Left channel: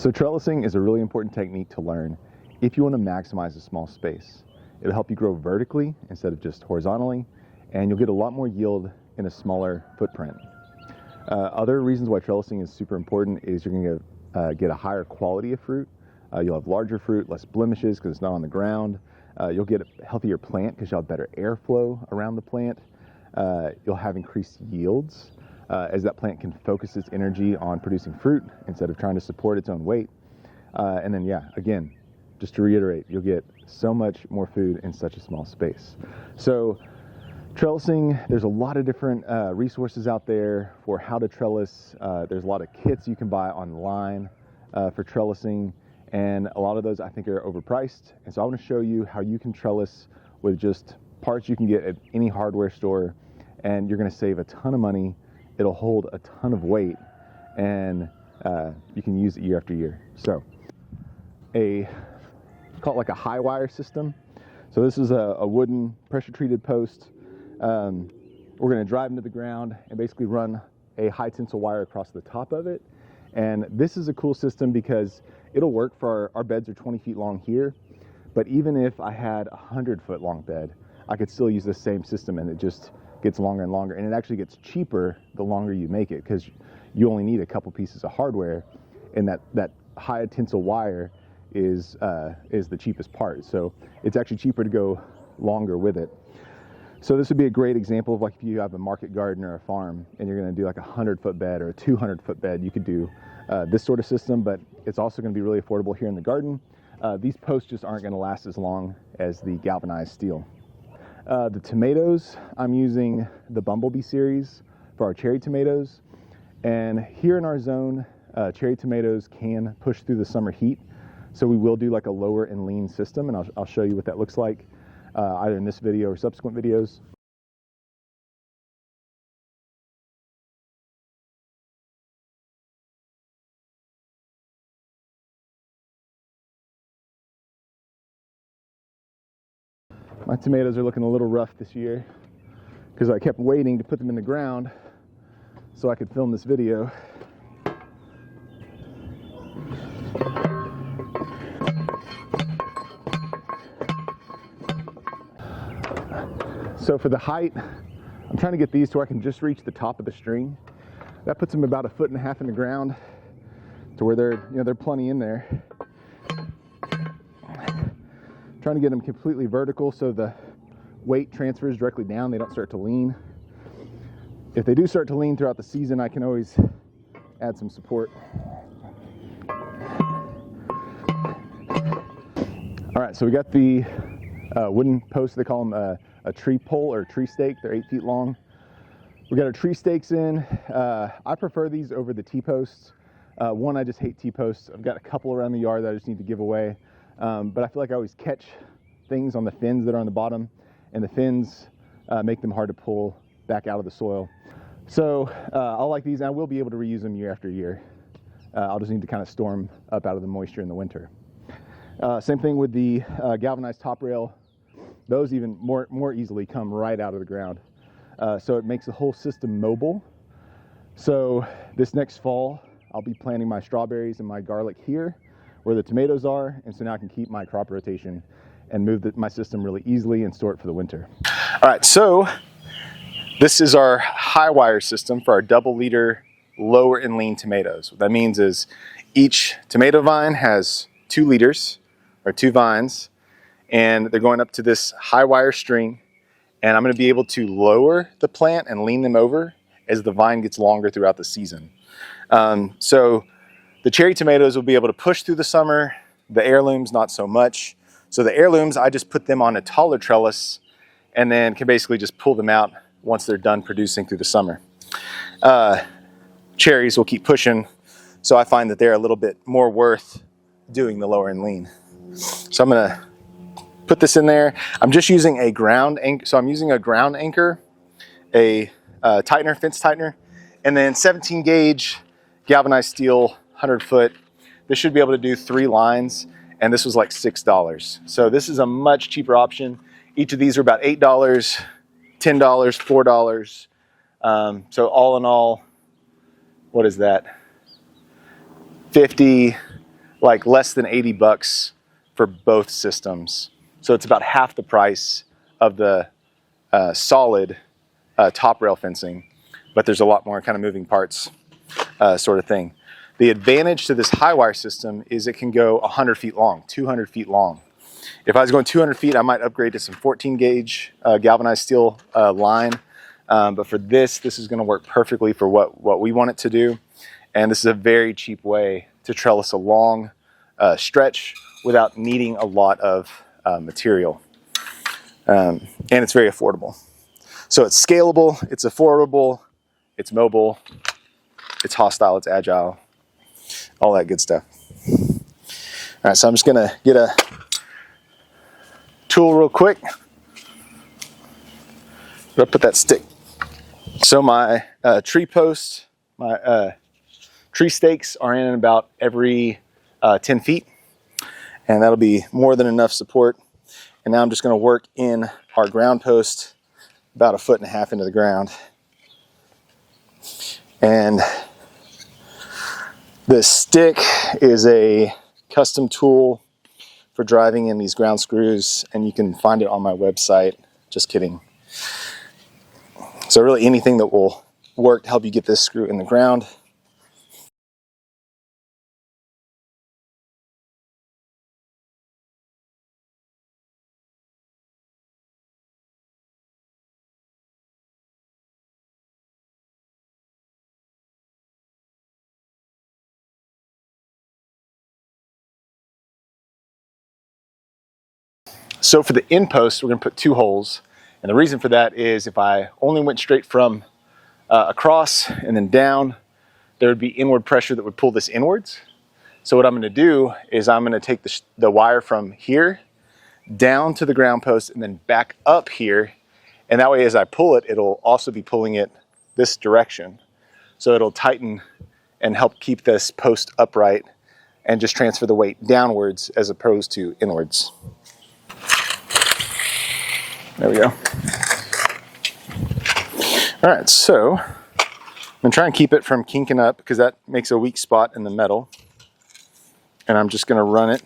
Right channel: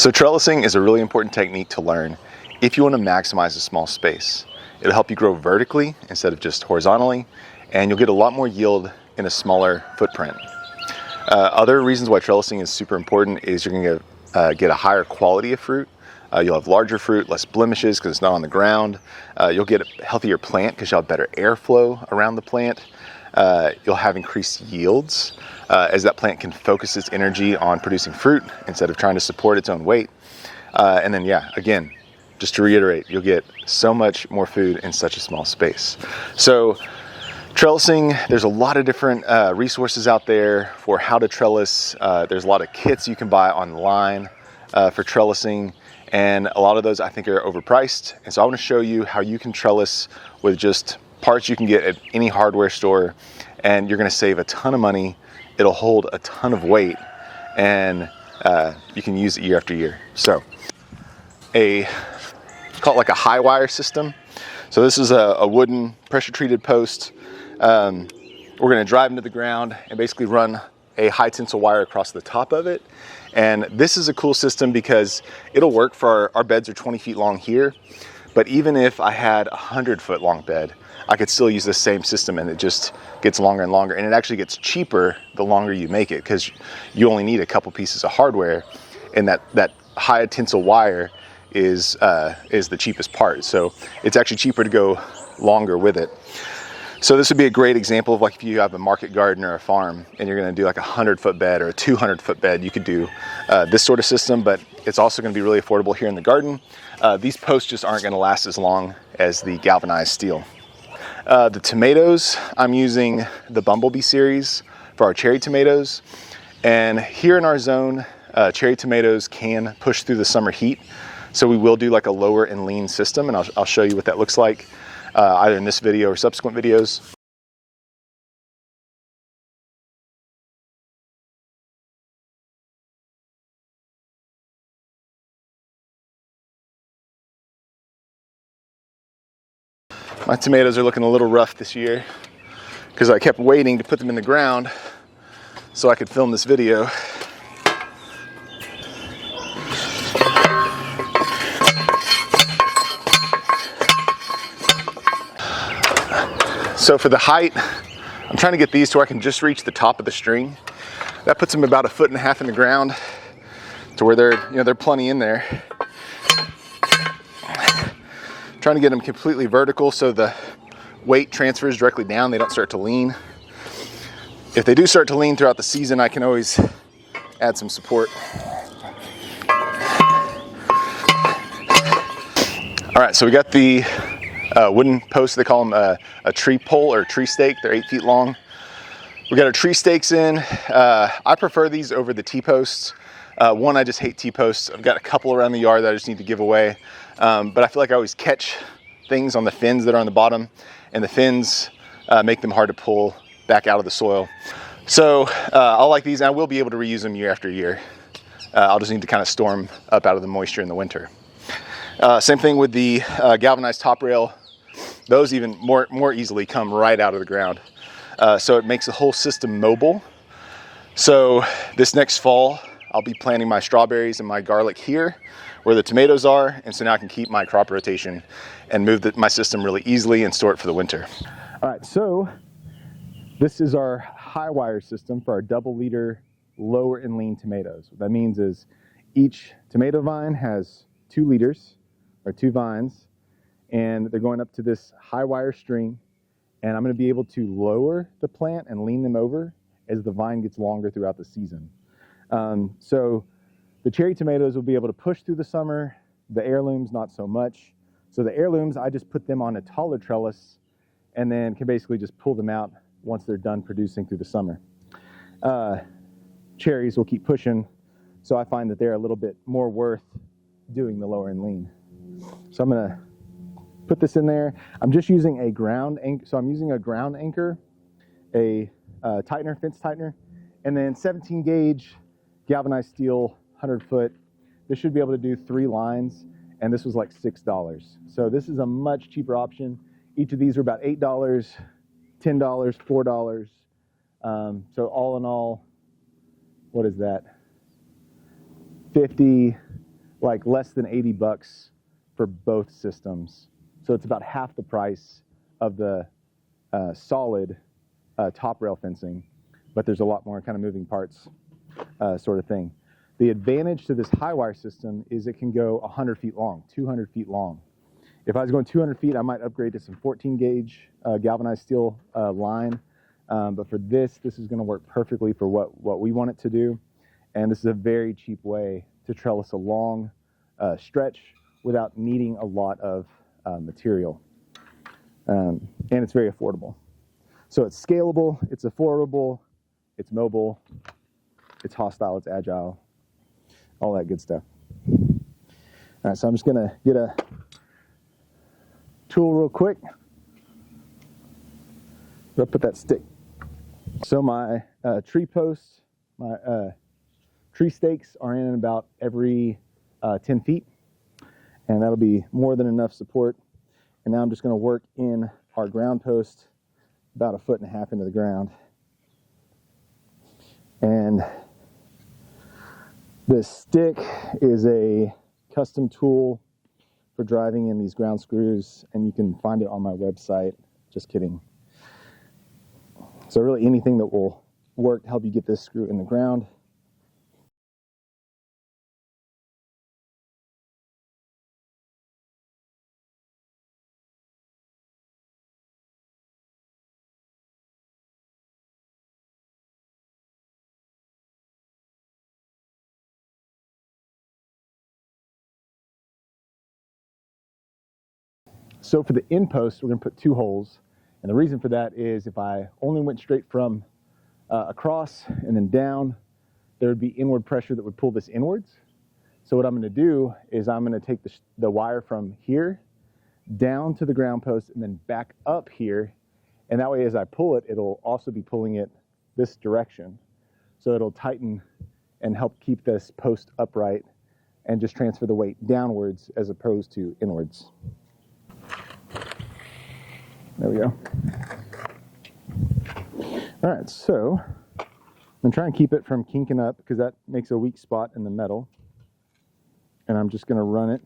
So trellising is a really important technique to learn if you want to maximize a small space. It'll help you grow vertically instead of just horizontally, and you'll get a lot more yield in a smaller footprint. Other reasons why trellising is super important is you're going to get a higher quality of fruit. You'll have larger fruit, less blemishes because it's not on the ground. You'll get a healthier plant because you'll have better airflow around the plant. You'll have increased yields as that plant can focus its energy on producing fruit instead of trying to support its own weight. And then, yeah, again, just to reiterate, you'll get so much more food in such a small space. So trellising, there's a lot of different resources out there for how to trellis. There's a lot of kits you can buy online for trellising, and a lot of those I think are overpriced. And so I want to show you how you can trellis with just parts you can get at any hardware store, and you're going to save a ton of money. It'll hold a ton of weight, and you can use it year after year. So call it like a Highwire system. So this is a wooden pressure treated post. We're going to drive into the ground and basically run a high tensile wire across the top of it. And this is a cool system because it'll work for our beds are 20 feet long here, but even if I had a 100-foot long bed, I could still use the same system, and it just gets longer and longer, and it actually gets cheaper the longer you make it because you only need a couple pieces of hardware, and that high tensile wire is the cheapest part. So it's actually cheaper to go longer with it. So this would be a great example of like if you have a market garden or a farm and you're going to do like a 100-foot bed or a 200-foot bed, you could do this sort of system, but it's also going to be really affordable here in the garden. These posts just aren't going to last as long as the galvanized steel. The tomatoes, I'm using the Bumblebee series for our cherry tomatoes. And here in our zone, cherry tomatoes can push through the summer heat. So we will do like a lower and lean system, and I'll show you what that looks like either in this video or subsequent videos. My tomatoes are looking a little rough this year because I kept waiting to put them in the ground so I could film this video. So for the height, I'm trying to get these to where I can just reach the top of the string. That puts them about 1.5 feet in the ground to where they're plenty in there. Trying to get them completely vertical so the weight transfers directly down, they don't start to lean. If they do start to lean throughout the season, I can always add some support. All right, so we got the wooden posts. They call them a tree pole or tree stake. They're 8 feet long. We got our tree stakes in. I prefer these over the T-posts. One, I just hate T-posts. I've got a couple around the yard that I just need to give away. But I feel like I always catch things on the fins that are on the bottom, and the fins make them hard to pull back out of the soil. So I like these, and I will be able to reuse them year after year. I'll just need to kind of store them up out of the moisture in the winter. Same thing with the galvanized top rail. Those even more easily come right out of the ground. So it makes the whole system mobile. So this next fall, I'll be planting my strawberries and my garlic here where the tomatoes are, and so now I can keep my crop rotation and move my system really easily and store it for the winter. All right, so this is our Highwire system for our double-liter lower and lean tomatoes. What that means is each tomato vine has 2 liters or 2 vines, and they're going up to this Highwire string, and I'm going to be able to lower the plant and lean them over as the vine gets longer throughout the season. So the cherry tomatoes will be able to push through the summer, the heirlooms not so much. So the heirlooms, I just put them on a taller trellis and then can basically just pull them out once they're done producing through the summer. Cherries will keep pushing, so I find that they're a little bit more worth doing the lower and lean. So I'm gonna put this in there. I'm just using a ground anchor. So I'm using a ground anchor, a tightener, fence tightener, and then 17 gauge galvanized steel, 100-foot. This should be able to do 3 lines, and this was like $6. So this is a much cheaper option. Each of these are about $8, $10, $4. So all in all, what is that? 50, like less than 80 bucks for both systems. So it's about half the price of the solid top rail fencing, but there's a lot more kind of moving parts sort of thing. The advantage to this Highwire system is it can go 100 feet long, 200 feet long. If I was going 200 feet, I might upgrade to some 14 gauge galvanized steel line. But for this is going to work perfectly for what we want it to do. And this is a very cheap way to trellis a long stretch without needing a lot of material. And it's very affordable. So it's scalable, it's affordable, it's mobile, it's hostile, it's agile, all that good stuff. All right, so I'm just gonna get a tool real quick. I'll put that stick. So my tree posts, my tree stakes are in about every 10 feet, and that'll be more than enough support. And now I'm just gonna work in our ground post about 1.5 feet into the ground. And this stick is a custom tool for driving in these ground screws, and you can find it on my website. Just kidding. So really anything that will work to help you get this screw in the ground. So for the end post, we're going to put 2 holes. And the reason for that is if I only went straight from across and then down, there would be inward pressure that would pull this inwards. So what I'm going to do is I'm going to take the wire from here down to the ground post and then back up here. And that way, as I pull it, it'll also be pulling it this direction. So it'll tighten and help keep this post upright and just transfer the weight downwards as opposed to inwards. There we go. All right, so I'm gonna try and keep it from kinking up because that makes a weak spot in the metal. And I'm just gonna run it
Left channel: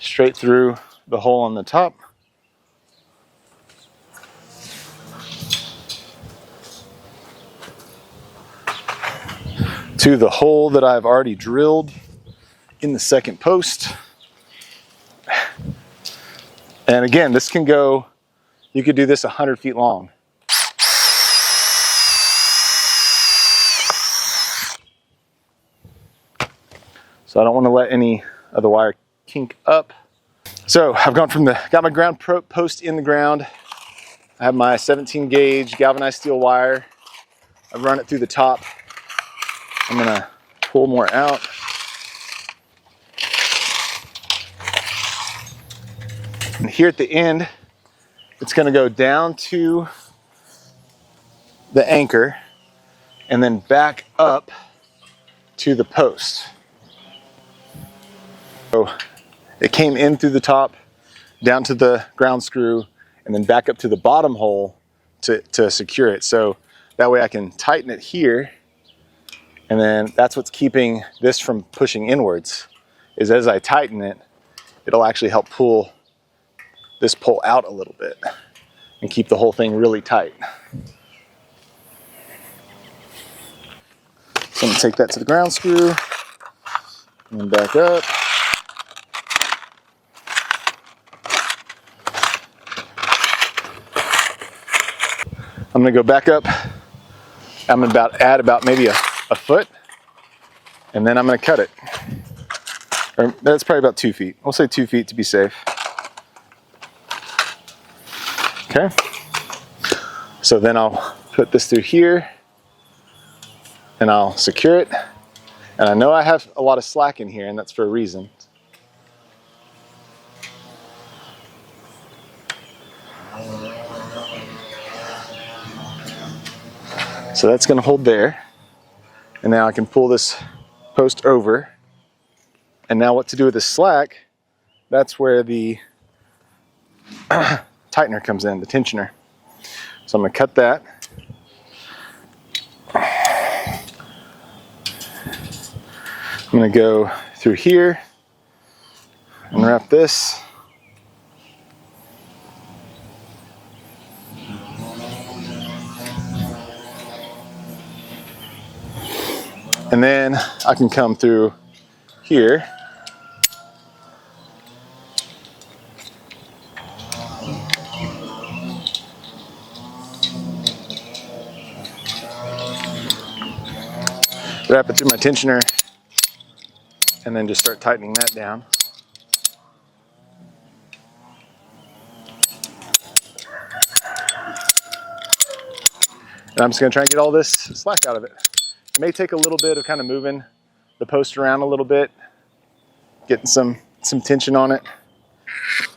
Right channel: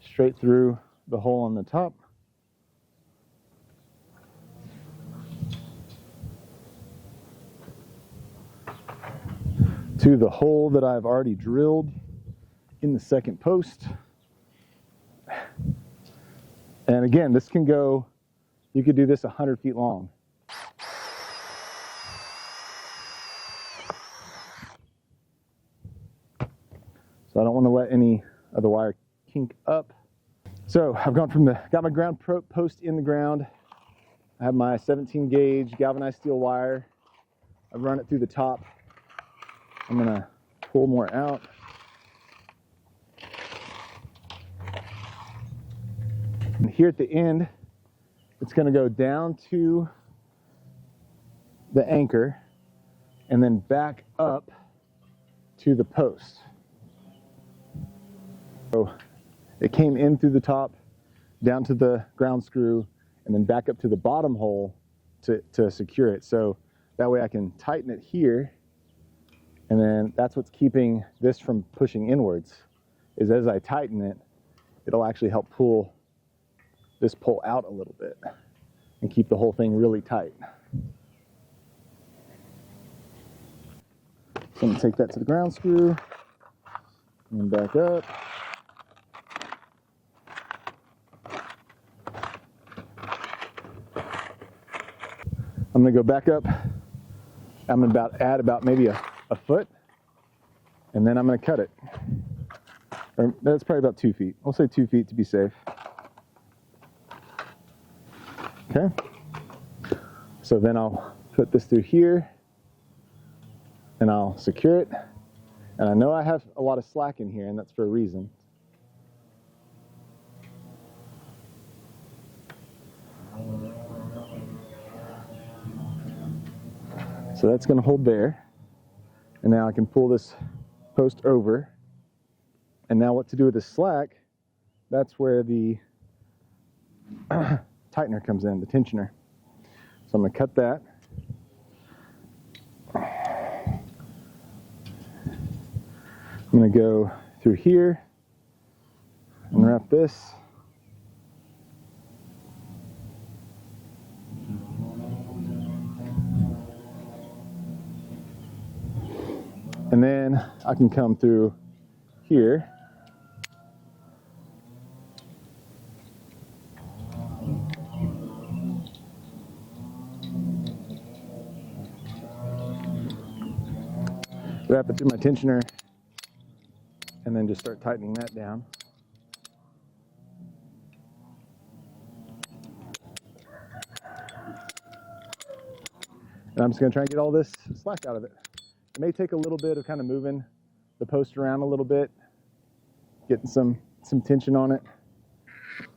straight through the hole on the top. To the hole that I've already drilled in the second post. And again, this can go, you could do this 100 feet long. So I don't want to let any of the wire kink up. So I've got my ground post in the ground. I have my 17 gauge galvanized steel wire. I've run it through the top. I'm gonna pull more out. And here at the end, it's gonna go down to the anchor and then back up to the post. So it came in through the top, down to the ground screw, and then back up to the bottom hole to secure it. So that way I can tighten it here, and then that's what's keeping this from pushing inwards, is as I tighten it, it'll actually help pull this pole out a little bit and keep the whole thing really tight. So I'm gonna take that to the ground screw and then back up. I'm gonna go back up. I'm gonna add about maybe a foot, and then I'm gonna cut it. Or that's probably about 2 feet. We'll say 2 feet to be safe. Okay. So then I'll put this through here and I'll secure it. And I know I have a lot of slack in here, and that's for a reason. So that's going to hold there. And now I can pull this post over. And now what to do with the slack, that's where the tightener comes in, the tensioner. So I'm going to cut that. I'm going to go through here, unwrap this. And then I can come through here. Wrap it through my tensioner and then just start tightening that down. And I'm just gonna try and get all this slack out of it. It may take a little bit of kind of moving the post around a little bit, getting some tension on it,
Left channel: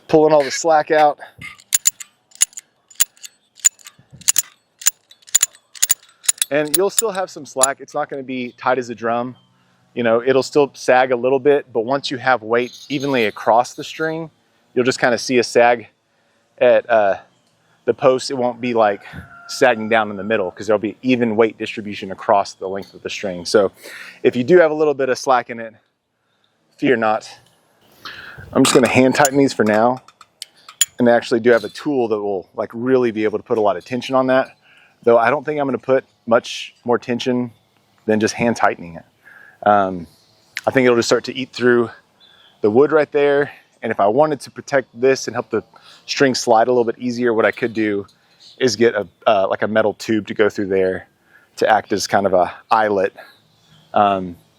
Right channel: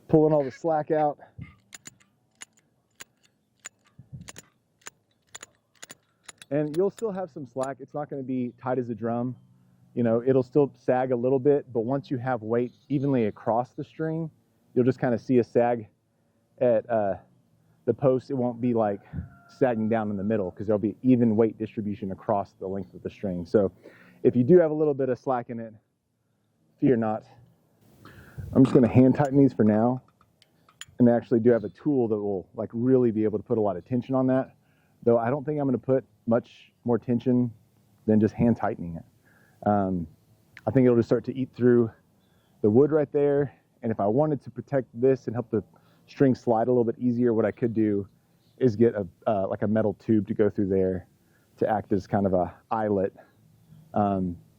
pulling all the slack out. And you'll still have some slack. It's not going to be tight as a drum. You know, it'll still sag a little bit, but once you have weight evenly across the string, you'll just kind of see a sag at the post. It won't be like sagging down in the middle because there'll be even weight distribution across the length of the string. So if you do have a little bit of slack in it, fear not. I'm just going to hand tighten these for now. And I actually do have a tool that will like really be able to put a lot of tension on that. Though I don't think I'm going to put much more tension than just hand tightening it. I think it'll just start to eat through the wood right there. And if I wanted to protect this and help the string slide a little bit easier, what I could do is get a like a metal tube to go through there to act as kind of a eyelet.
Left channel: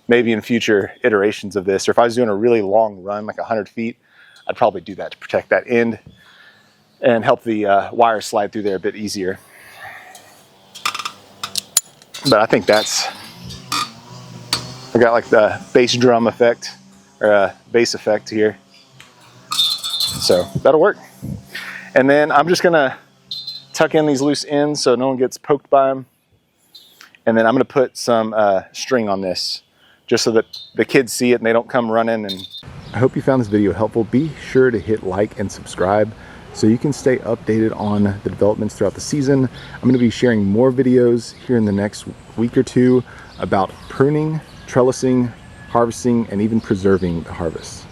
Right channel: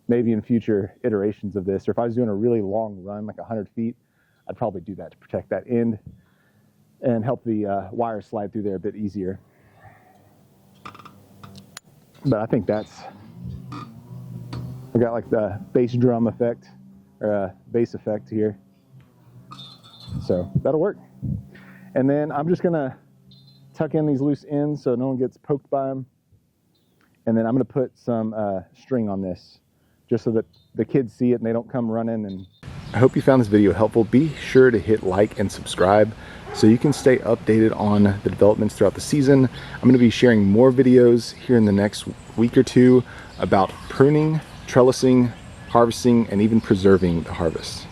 Maybe in future iterations of this, or if I was doing a really long run, like 100 feet, I'd probably do that to protect that end and help the wire slide through there a bit easier. But I think I got like the bass drum effect, or bass effect here. So that'll work. And then I'm just gonna tuck in these loose ends so no one gets poked by them. And then I'm gonna put some string on this just so that the kids see it and they don't come running. And I hope you found this video helpful. Be sure to hit like and subscribe so you can stay updated on the developments throughout the season. I'm going to be sharing more videos here in the next week or two about pruning, trellising, harvesting, and even preserving the harvest.